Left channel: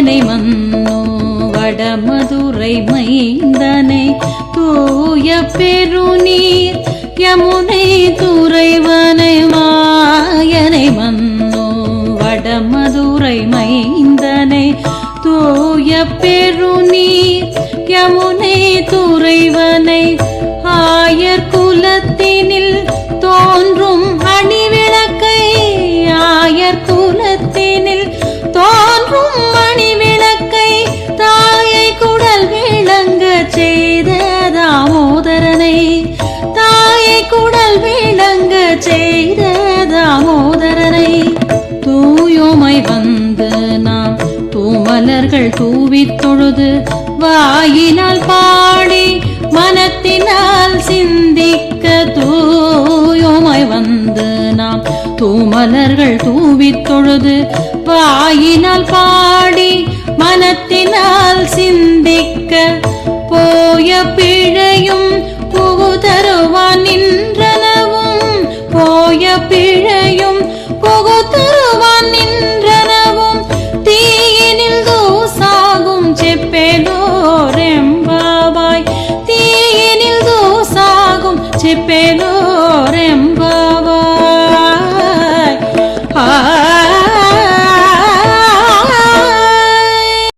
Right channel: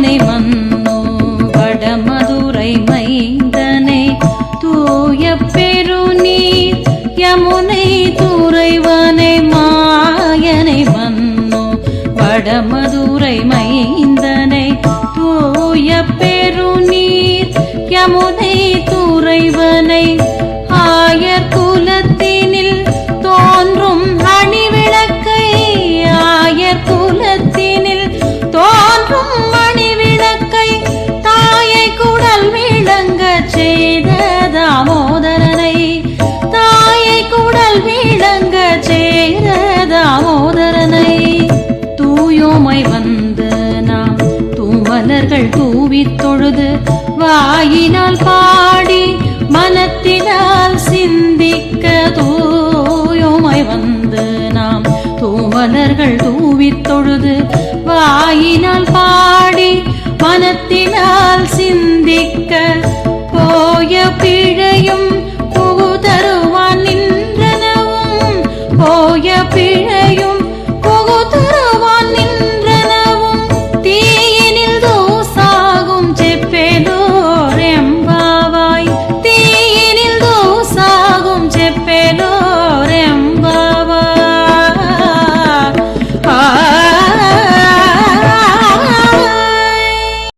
மாயனை மன்னோ வடமதுரை மைந்தனை தூய பெருநீர் யமுனை துறைவனை மாயனை மன்னோ வடமதுரை மைந்த குடல் விளங்க செய்த தாமோதரனை தூயோமை வந்த நாம் தூவலர்கள் தூவி தொழுது வாயினால் பாடி மனத்தினால் சிந்திக்க தூயோமை வந்த நாம் தூவலர்கள் தூவி தொழுது வாயினால் பாடி